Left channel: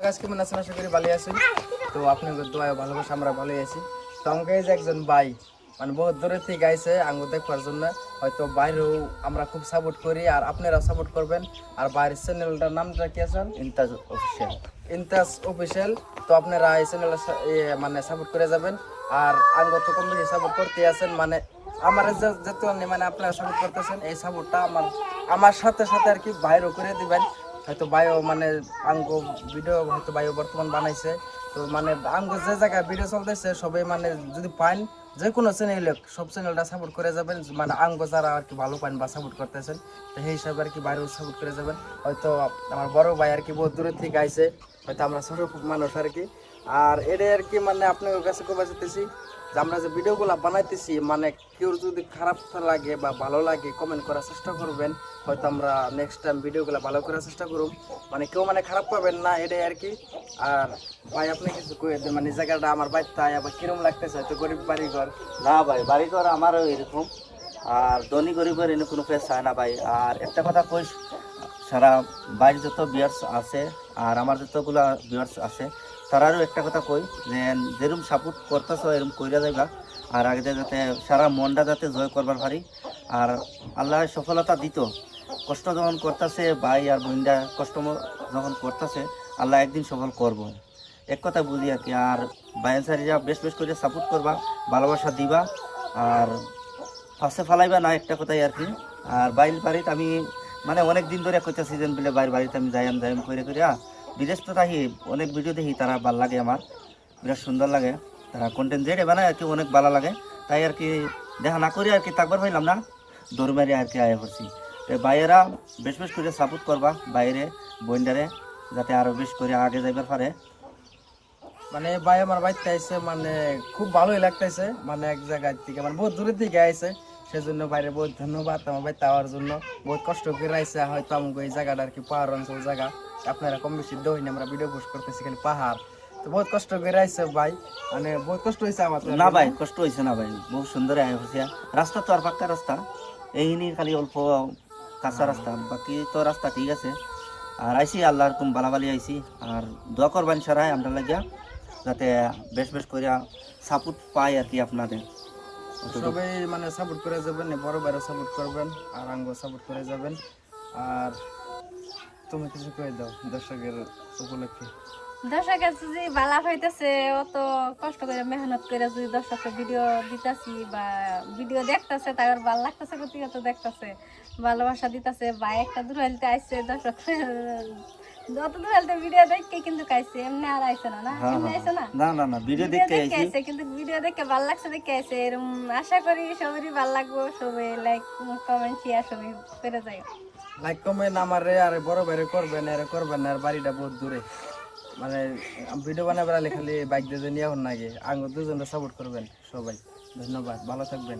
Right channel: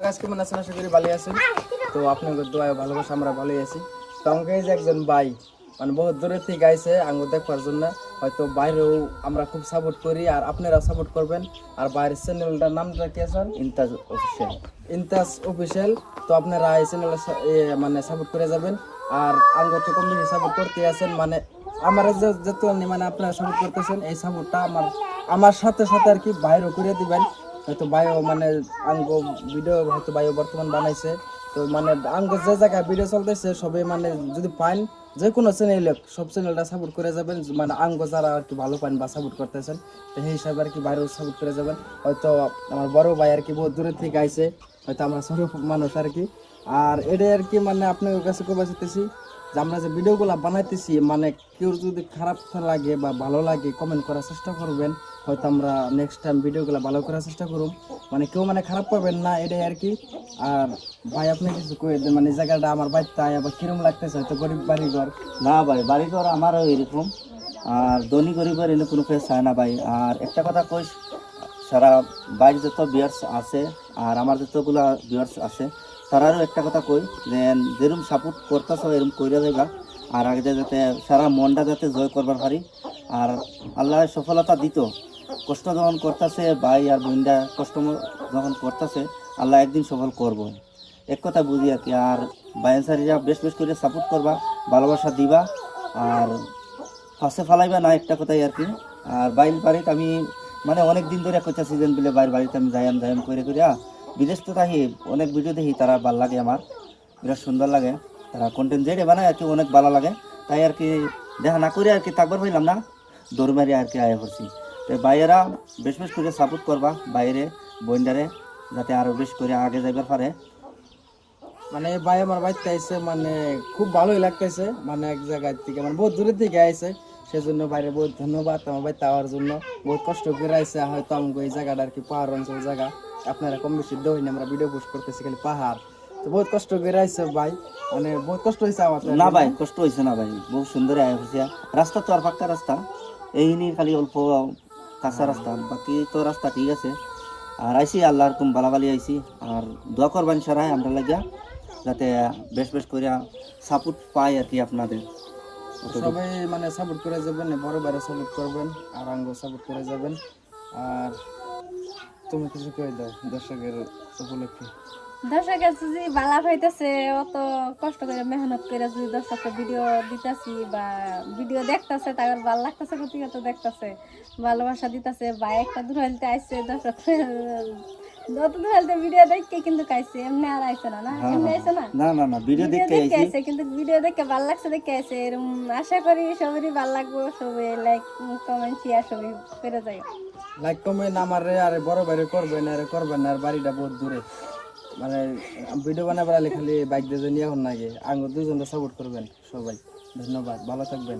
আজকে মানে আছেন আশা করি আছেন তো আপনাদের দোয়া ভালোবাসা আমরা ভালোই আছি। তো আমাকে যে একজন ভাই মানে বহু দূরের থেকে আইসে আঙ্গ জন্য। হয়তো বাইরেও আমরা খুব সাপোর্ট করি আর সাপোর্ট করবেন। আর বাইরের চ্যানেলটার নামটা কি আছে? ইন্তাজ অফিসিয়াল ইনতাস অফিসিয়াল তো আপনারা এই চ্যানেলের মানে সাপোর্ট করে যাবেন। আর আঙ্গ তো কম বেশি সাপোর্ট করতে আছেন। মানে আমার যে মানে আপনারা সাপোর্ট করতেছেন এই সাপোর্টটা আমার আমার সাথে সাথে আর কি বাইরও করে দিবেন। হয়তো বায়ো মানে আঙ্গ ভিডিও হয়তো বায়ো বর্তমান বানাইছে। তো মানে আঙ্গ যে জায়গায় ভিডিও চলতেছে সবাই মানে যদি পান যে কোনো চ্যানেল সব চ্যানেলটা সাপোর্ট করে যাবেন। মানে আঙ্গ যারা আর কি ভালো পান বা সাপোর্ট করতেছেন তো সেই হিসাবে আর কি বাইরেও সাপোর্ট করে যাবেন। হয়তো আমার বড় ভাই আর কি বহুত দূরের থেকে আইছে। হয়তো আমরা ছোট মানুষ আর কি। আর এটা আর কি মানে আপনার কাছে কবে যেতেছি যে আমরা যে ভিডিওগুলো বানাইতেছি মানে কেউ যদি খারাপ লাগে বা ভালো লাগে কমেন্ট করার চেষ্টা করবেন, হয়তো আমরা নেক্সট টাইম ভিডিওগুলো ভালো করার চেষ্টা করব মানে কেউ মানে খারাপ পাবেন না, এটাই আর কি। আর ভাই, আপনি কিছু কয়ে দেন মানে জায়গাটা আমার বাড়িতে আবার কিরম লাগতেছে? হয়তো গরিব বাড়ি ঘর না ভাই বাড়ি ঘর আমারও এরকম। আর ধনী গরিবের এনে কোনো ফেস হয় না ভাই। আর একটা কথা কইস সারা বাইরে যত বিয়ার্স আছে আর আমার যতগুলা বিয়ার্স আছে, তারারও একটা কথা কই, যে যেরকম সাপোর্ট করতেছ এরকম কইরা যাইবা। আর আগে যাতে সারা মনটা যাতে জয় করবার পারি। আর আল্লাহ সফলতা দিত। কষ্ট যখন করতেছে, ভাই আর বোনটা কষ্ট যখন করতেছে, আল্লাহ একদিন সফল করব। এক কথা বুঝি আর কি। আর বাইন সারিরা বেশ বেশ করে সাপোর্ট করবা, ভালোবাসা দিবা। আর ফাঁসে ফালাইবা না, একটা কথাই আর কি। আর বাইরের বাড়িতে আমি মানে অনেক দিন ধরে কইতা সিজন বলে বাইরের বাড়িতে আমি যাইম যাইম করে করে বিদেশ তো থাকি অনেক ভিডিও দেখি, তারা ভালো লাগে আমার। বিরাট সুন্দর লাগে। তারা কন্টেন্ট যেটা বানায় আর কি অনেক ভালো লাগে। তাই আর কি দেখা না করে আর কি থাকবার পাইলাম না। দৌড় মারি আর কি আয় পড়ছি। তো বাইরেরা বেশ বেশ করে সাপোর্ট করবা বাইরে বন্ডারে যাতে আরও বেশ করে আগে যাইবার পারে। মানে ভাই আমার বাড়িতে আইছে মানে খুব ভালোই লাগতেছে মানে এক জায়গায় থেকে মানে বহুত দূরের থেকে আইছে। সেজন্য বাইরে বহুত ধন্যবাদ আমার বাড়িতে আওয়ার জন্য। বহুত কষ্ট করে আইছে হয়তো আমাকে এই জায়গাটা আর কি পাহাড় অঞ্চল জায়গা। আপনারা কম বেশি দইনি আমরা ভিডিও পোস্ট করতেছি খালি পাহাড়। তো বহুত কষ্ট করে আইছে ভাই মানে বহুত কষ্ট হয়েছে আমার না ভাই কষ্ট হয়েছে না ভাই বহু সুন্দর রাস্তা তো আর পাক্কা রাস্তা এই নিয়ে খালি অল্প কাঁচা রাস্তা বাকি তো রাস্তা ঠিক আছে। আর আইসি আল্লাহর কোন বালাবালি আইসি আর দোয়া করবান সারাই আমরা লাগিয়া যাতে বেশ বেশ করে সাপোর্ট পাই আর কি আপনাদের। সবাই মানে সাপোর্ট করে যাবেন বড় বাইরে সাপোর্ট করবেন আর আঙ্গ সাপোর্ট করে যাবেন। আর তুমি কিছু করে দাও দর্শকের উপলক্ষে। দর্শকের যদি বালা পাইতেছে অত কষ্ট করে মেহনত করে যদি দর্শকের ভিডিও দিতেছি বা ভিডিও দেখতেছে তাদের ভালো লাগতেছে প্রতিহত দেখতেছে ভালোবাসা দিতেছে বা একটা দূর হেলতে আইসে দর্শক যত হেলতে ভিডিও দেখে কিন্তু খাইছে এমনি আর আইসে না না? হ্যাঁ, এমনি হ্যাঁ। না? না না না ভিডিও ভিডিও দেখে আইসি কিন্তু ভিডিও দেখে ভালো লাগছে দেখে আইসে এরকম আশা করি সবারই ভালো লাগবো সবাই লাইক কমেন্ট শেয়ার সবাই করে যাই লাইক কমেন্ট আমার আর বড় বাইরে করবেন করবেন আর বাড়িটা বহুত দূরে। মানে ভিডিও বানাবার খালি বাইক দিয়ে নিয়ে এখন নাগে আঙ্গ দুজনে সাপোর্ট করবেন সবাই। ধন্যবাদ ভালো থাকবেন।